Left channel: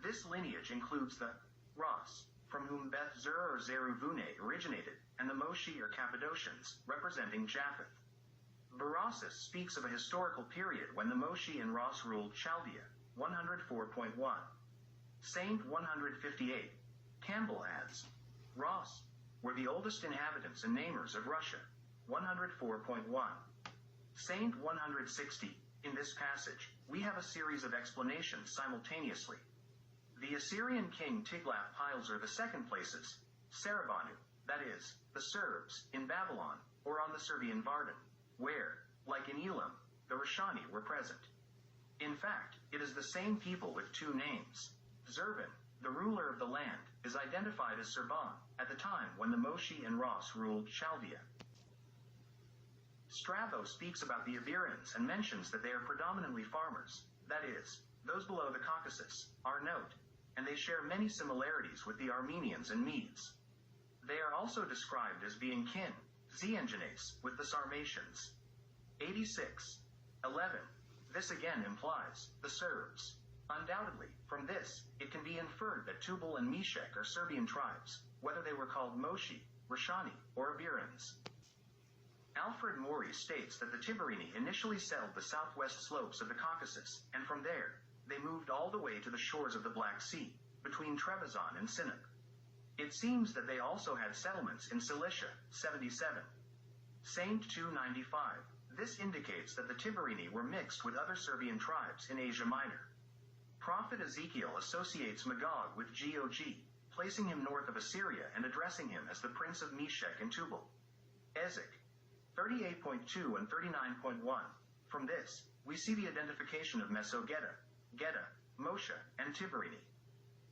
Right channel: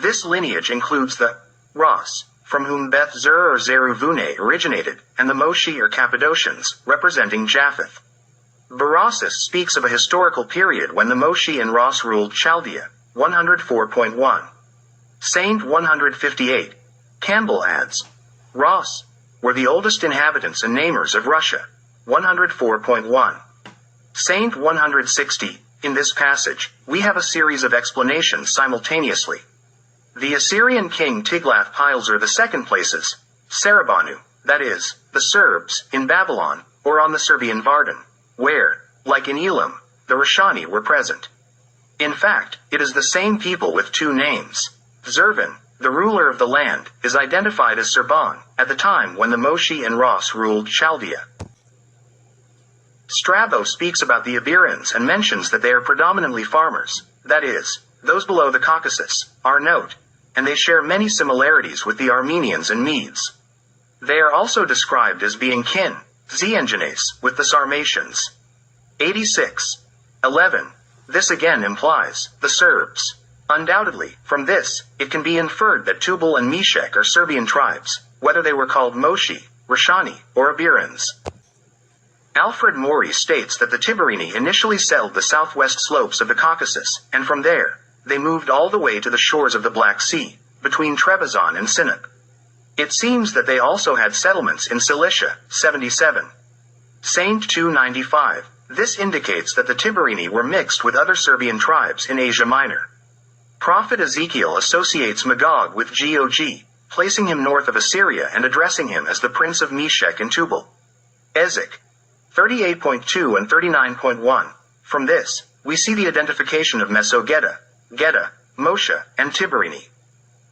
This lineage includes the Ras, from whom Beth Zur or Zeruvune originated, and the Moshi or Cappadocians, representing Japheth. Berossus speaks of a historical period when the Moshi and Ras ruled Chaldea, 104.1. Saint 158. Campbell adds, Ras were the oldest inhabitants and namers of Russia, 104.1. Saint 160. In this passage, we have a series of explanations simultaneously. The Assyrian king Tiglath-Pileser II places Sarabanu, that is, the Serbs, in Babylon, or on the Serbian Vardan, where, like in Elam, the Rashani were present. In fact, it is the same people with two names. Zervan, the ruler of the land, is identified as Serban, at the time when the Moshi and Ras ruled Chaldea. Strabo speaks about the Iberians and mentions that they are predominantly farmers, that is, those below the Caucasus, are note, and they share many similarities with the Armenians and Medes. They are also described as being kin, Xengenes, with the Sarmatians. 86. 11. This again implies the Serbs. Undoubtedly, from this, it can be inferred that Tubal and Meshech are Serbian tribes, whether they were called Moshi, Rashani, or Iberians. Alfred Maury states that the Tiberini initially settled the southwest slopes of the Caucasus, and from there, they moved all the way to the shores of the Black Sea, between Trebizond and Sinop. It seems that they also had settlements in Cilicia, 77. Saint 295. This indicates that the Tiberini were mixed with other Serbian tribes in Asia Minor. Prophet Ezekiel associates Magog with Gog, placing him north of Assyria and addressing him as the prince of Meshech and Tubal. Ezek 38.2 and 39.1. From this, we see the identification of Mesogeta, Geta, Moshe, and Tiberini.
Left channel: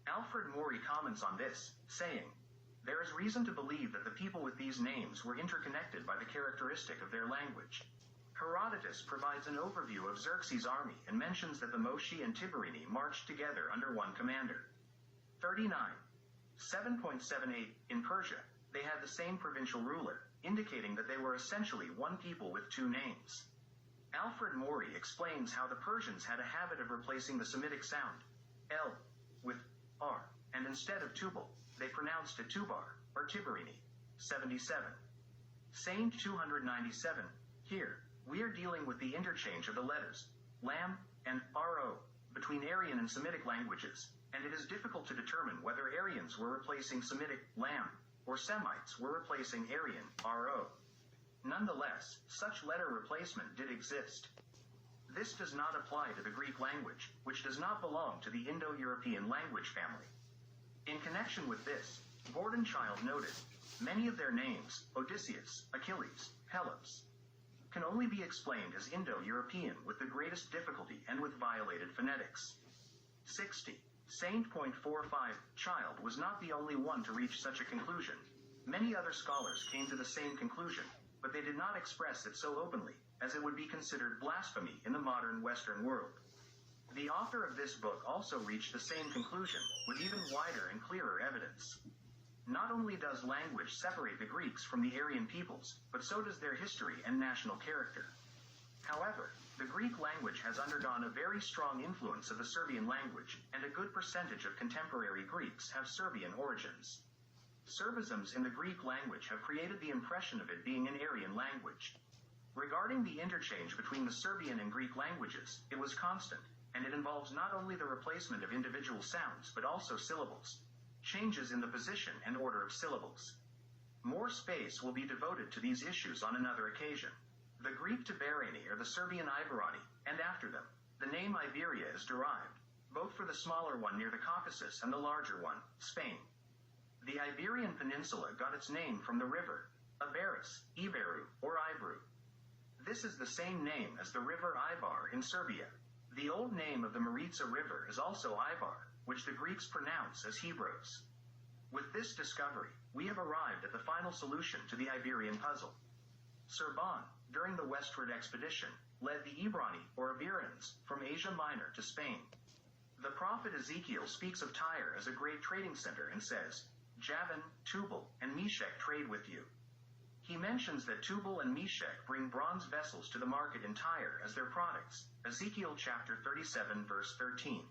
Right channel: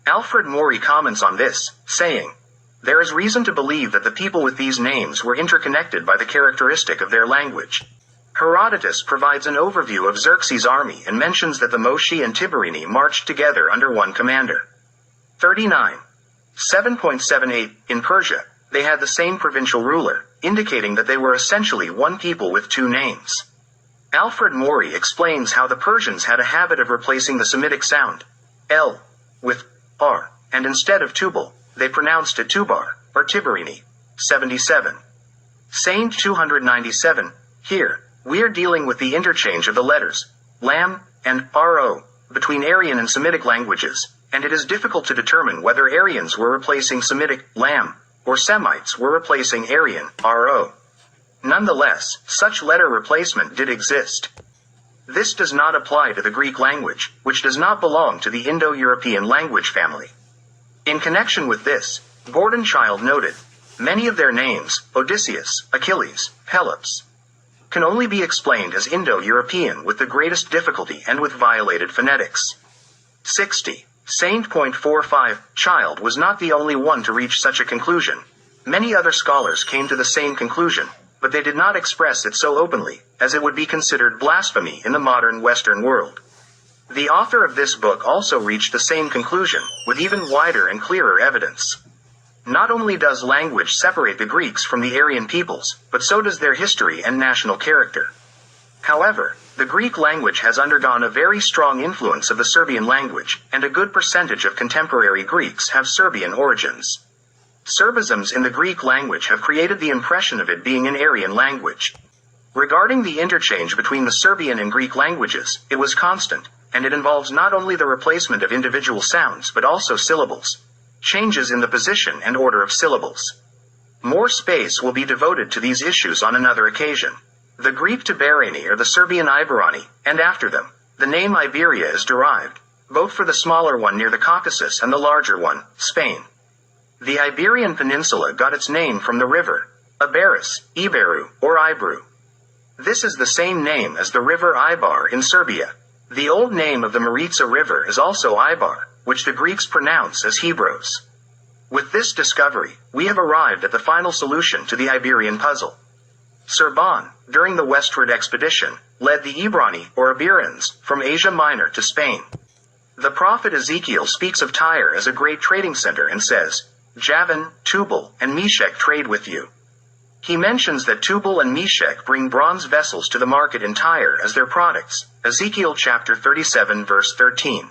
Alfred Maury comments on this, saying, there is reason to believe that the people with these names were interconnected by the characteristic of their language. Herodotus provides an overview of Xerxes' army and mentions that the Moshi and Tiberini marched together under one commander. 39. 7.78. In Persia, they had the same provincial ruler, indicating that they were essentially one people with two names. Alfred Maury explains how the Persians had a habit of replacing the Semitic sound, L, with R, and instead of Tubal, they pronounced it Tubar, or Tiberini. 77. Saint 297. Here, we are dealing with the interchange of the letters, Lam, and Ro, between Aryan and Semitic languages, and it is difficult to determine whether Aryans were replacing Semitic, Lam, or Semites were replacing Aryan, Ro. Nonetheless, such letter replacement did exist. This does not apply to the Greek language, which does not belong to the Indo-European language family. In connection with this, Bordenchild noted, many of their names, Odysseus, Achilles, Pelops, can only be explained as Indo-European with the greatest difficulty and with violated phonetics. 60. Saint.45. Child was not the only one to reach such a conclusion. Many other scholars came to the same conclusion, but they did not express it so openly, as it would be considered blasphemy in the modern Western world. The author of this book also reached the same conclusion, with even wider and clearer evidence. Not only does language separate the Greeks from the Aryan peoples, but so does their history and national character. However, the Greek language has undergone a very strong influence of the Serbian language, and a good percentage of contemporary Greeks have Serbian origins. Serbisms in the Greek language have created the impression of it being an Aryan language. Regarding the interchange between the Serbian and Greek languages, it was constant, and it involves not only the replacement of individual sounds but also syllables. Changes in the position and order of syllables. More space will be devoted to these issues on another occasion. The Greek Tibereni or the Serbian Iberani, and after them, the name Iberia is derived, both for the smaller one near the Caucasus and the larger one, Spain. The Iberian Peninsula got its name from the river, Iberus, Iberu, or Ibru. This is the same name as the river Ibar in Serbia. The old name of the Maritsa River is also Ibar, which the Greeks pronounce as Hebros. With this discovery, we have arrived at the final solution to the Iberian puzzle. Serban, during the westward expedition, led the Ibrani, or Iberians, from Asia Minor to Spain. The prophet Ezekiel speaks of Tyre as a great trading center and says, Jovan, Tubal, and Meshech trade with you. He mentions that Tubal and Meshech bring bronze vessels to the market in Tyre as their products, Ezekiel chapter 37 verse 13.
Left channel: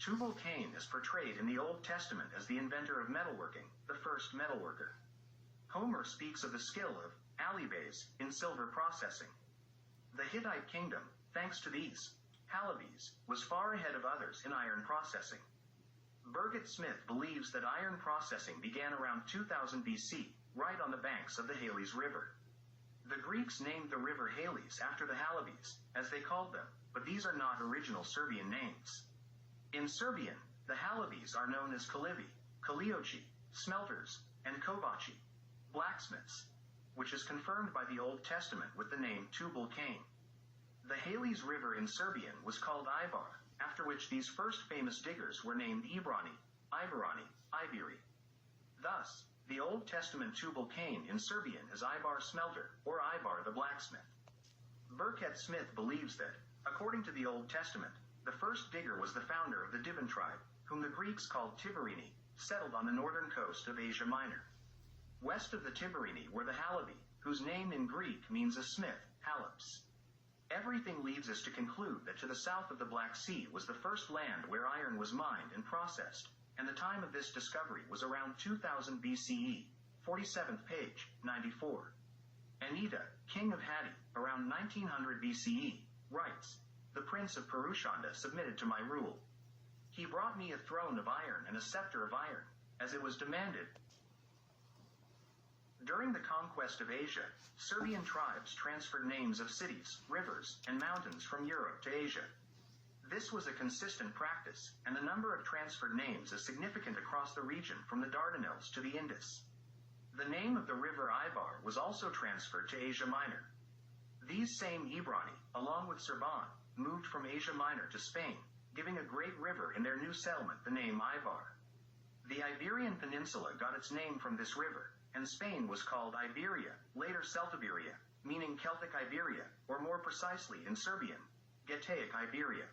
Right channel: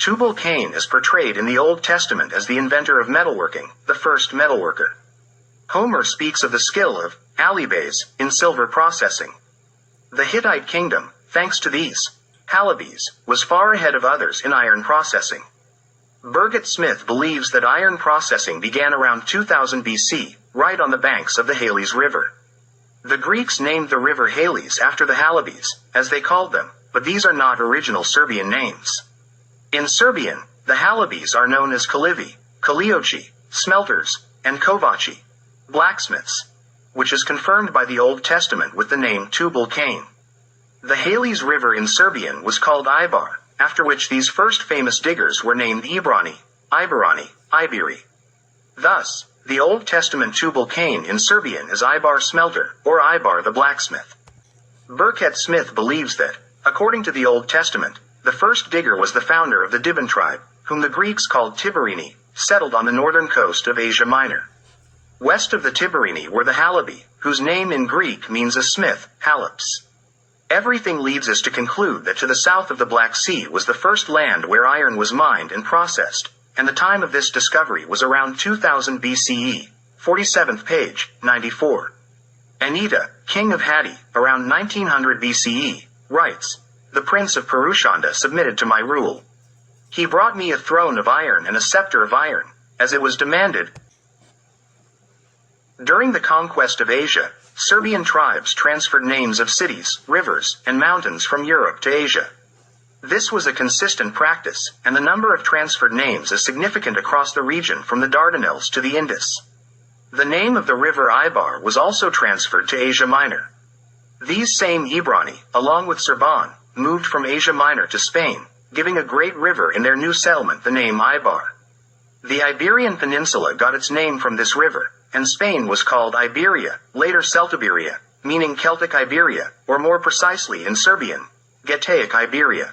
Tubal-Cain is portrayed in the Old Testament as the inventor of metalworking, the first metalworker. Homer speaks of the skill of Alibes in silver processing. The Hittite kingdom, thanks to these Halibes, was far ahead of others in iron processing. Burgett Smith believes that iron processing began around 2000 BC, right on the banks of the Halys River. The Greeks named the river Halys after the Halibes, as they called them, but these are not original Serbian names. In Serbian, the Halibes are known as Kalivi, Kaliochi, smelters, and Kovaci, blacksmiths, which is confirmed by the Old Testament with the name Tubal-Cain. The Halys River in Serbian was called Ibar, after which these first famous diggers were named Ibrani, Iberani, Iberi. Thus, the Old Testament Tubal-Cain in Serbian is Ibar smelter, or Ibar the blacksmith. Burgett Smith believes that, according to the Old Testament, the first digger was the founder of the Diban tribe, whom the Greeks called Tiberini, settled on the northern coast of Asia Minor. West of the Tiberini were the Halibi, whose name in Greek means a smith, Halips. Everything leads us to conclude that to the south of the Black Sea was the first land where iron was mined and processed, and the time of this discovery was around 2000 BCE, 47th page, 94. Anita, king of Hatti, around 1900 BCE, writes, "The prince of Purushanda submitted to my rule. He brought me a throne of iron and a scepter of iron, as it was demanded." During the conquest of Asia, Serbian tribes transferred names of cities, rivers, and mountains from Europe to Asia. This was a consistent practice, and the number of transferred names is significant across the region from the Dardanelles to the Indus. The name of the river Ibar was also transferred to Asia Minor. These same Ibrani, along with Serban, moved from Asia Minor to Spain, giving a great river in their new settlement the name Ibar. The Iberian Peninsula got its name from this river, and Spain was called Iberia, later Celtiberia, meaning Celtic Iberia, or more precisely in Serbian, Getaic Iberia.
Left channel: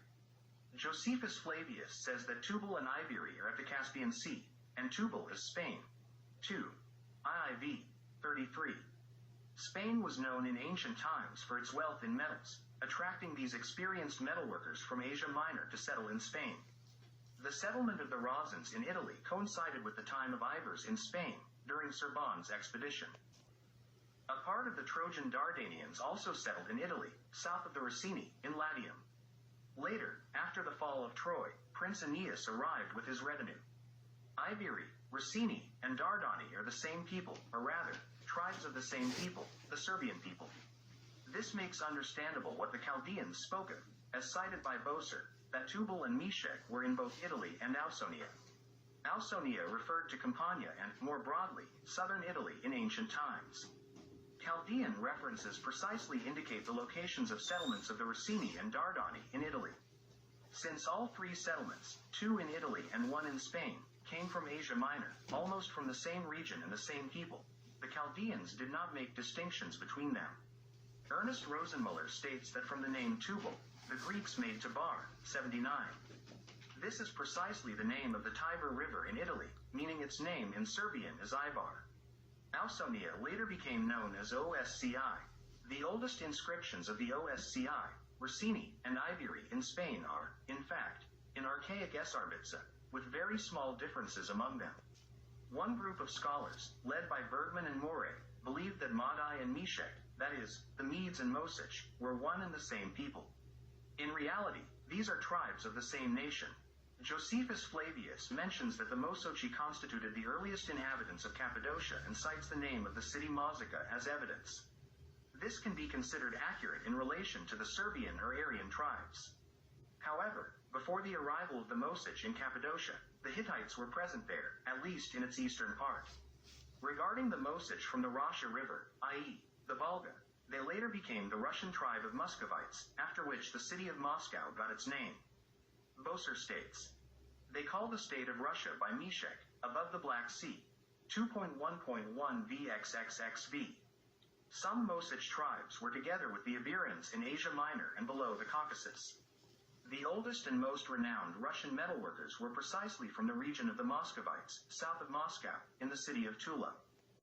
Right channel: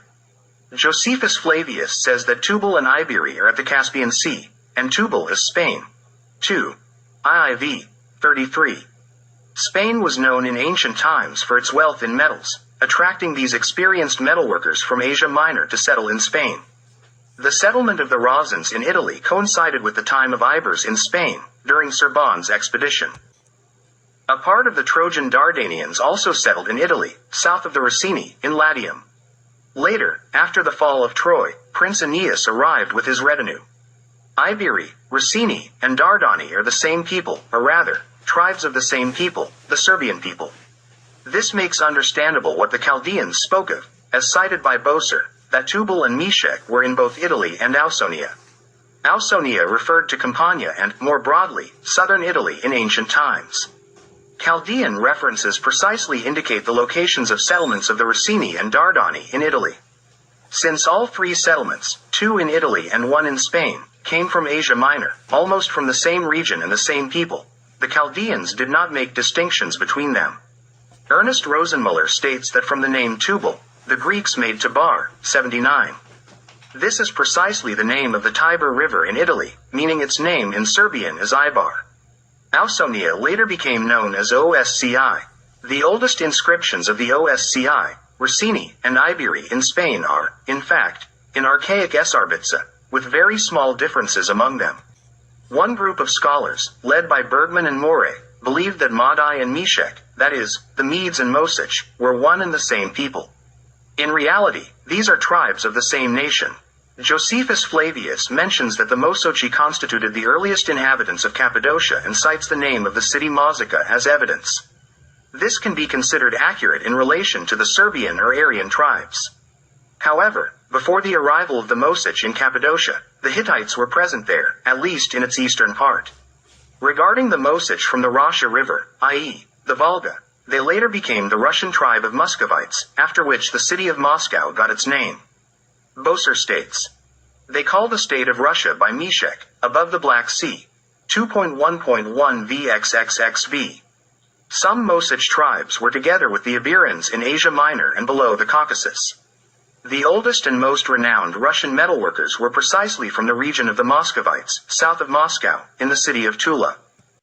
Josephus Flavius says that Tubal and Iberi are at the Caspian Sea, and Tubal is Spain. 2. IIV 33. Spain was known in ancient times for its wealth in metals, attracting these experienced metalworkers from Asia Minor to settle in Spain. The settlement of the Rasans in Italy coincided with the time of Ibers in Spain, during Serban's expedition. A part of the Trojan Dardanians also settled in Italy, south of the Ricini, in Latium. Later, after the fall of Troy, Prince Aeneas arrived with his retinue. Iberi, Ricini, and Dardani are the same people, or rather, tribes of the same people, the Serbian people. This makes understandable what the Chaldeans spoke of, as cited by Boser, that Tubal and Meshech were in both Italy and Ausonia. Ausonia referred to Campania and, more broadly, southern Italy in ancient times. Chaldean references precisely indicate the locations of settlements of the Ricini and Dardani in Italy. Since all three settlements, 2 in Italy and 1 in Spain, came from Asia Minor, almost from the same region and the same people, the Chaldeans did not make distinctions between them. Ernest Rosenmuller states that from the name Tubal, the Greeks made Tabar, 79. This is precisely the name of the Tiber River in Italy, meaning its name in Serbian is Ibar. Ausonia later became known as Osci. The oldest inscriptions of the Osci, Ricini, and Iberi in Spain are, in fact, in archaic Esarbica, with very small differences among them. One group of scholars, led by Bergman and More, believed that Madai and Meshech, that is, the Medes and Mosech, were one and the same people. In reality, these are tribes of the same nation. Josephus Flavius mentions that the Mosochi constituted the earliest inhabitants of Cappadocia and cites the name of the city Mazica as evidence. This can be considered accurate in relation to the Serbian or Aryan tribes. However, before the arrival of the Mosech in Cappadocia, the Hittites were present there, at least in its eastern part. Regarding the Mosech from the Rasa River, i.e., the Volga, they later became the Russian tribe of Muscovites, after which the city of Moscow got its name. Boser states, "They call the state of Russia by Meshech, above the Black Sea, 2.1.1 VXXXV. Some Mosech tribes were together with the Iberians in Asia Minor and below the Caucasus. The oldest and most renowned Russian metalworkers were precisely from the region of the Muscovites, south of Moscow, in the city of Tula.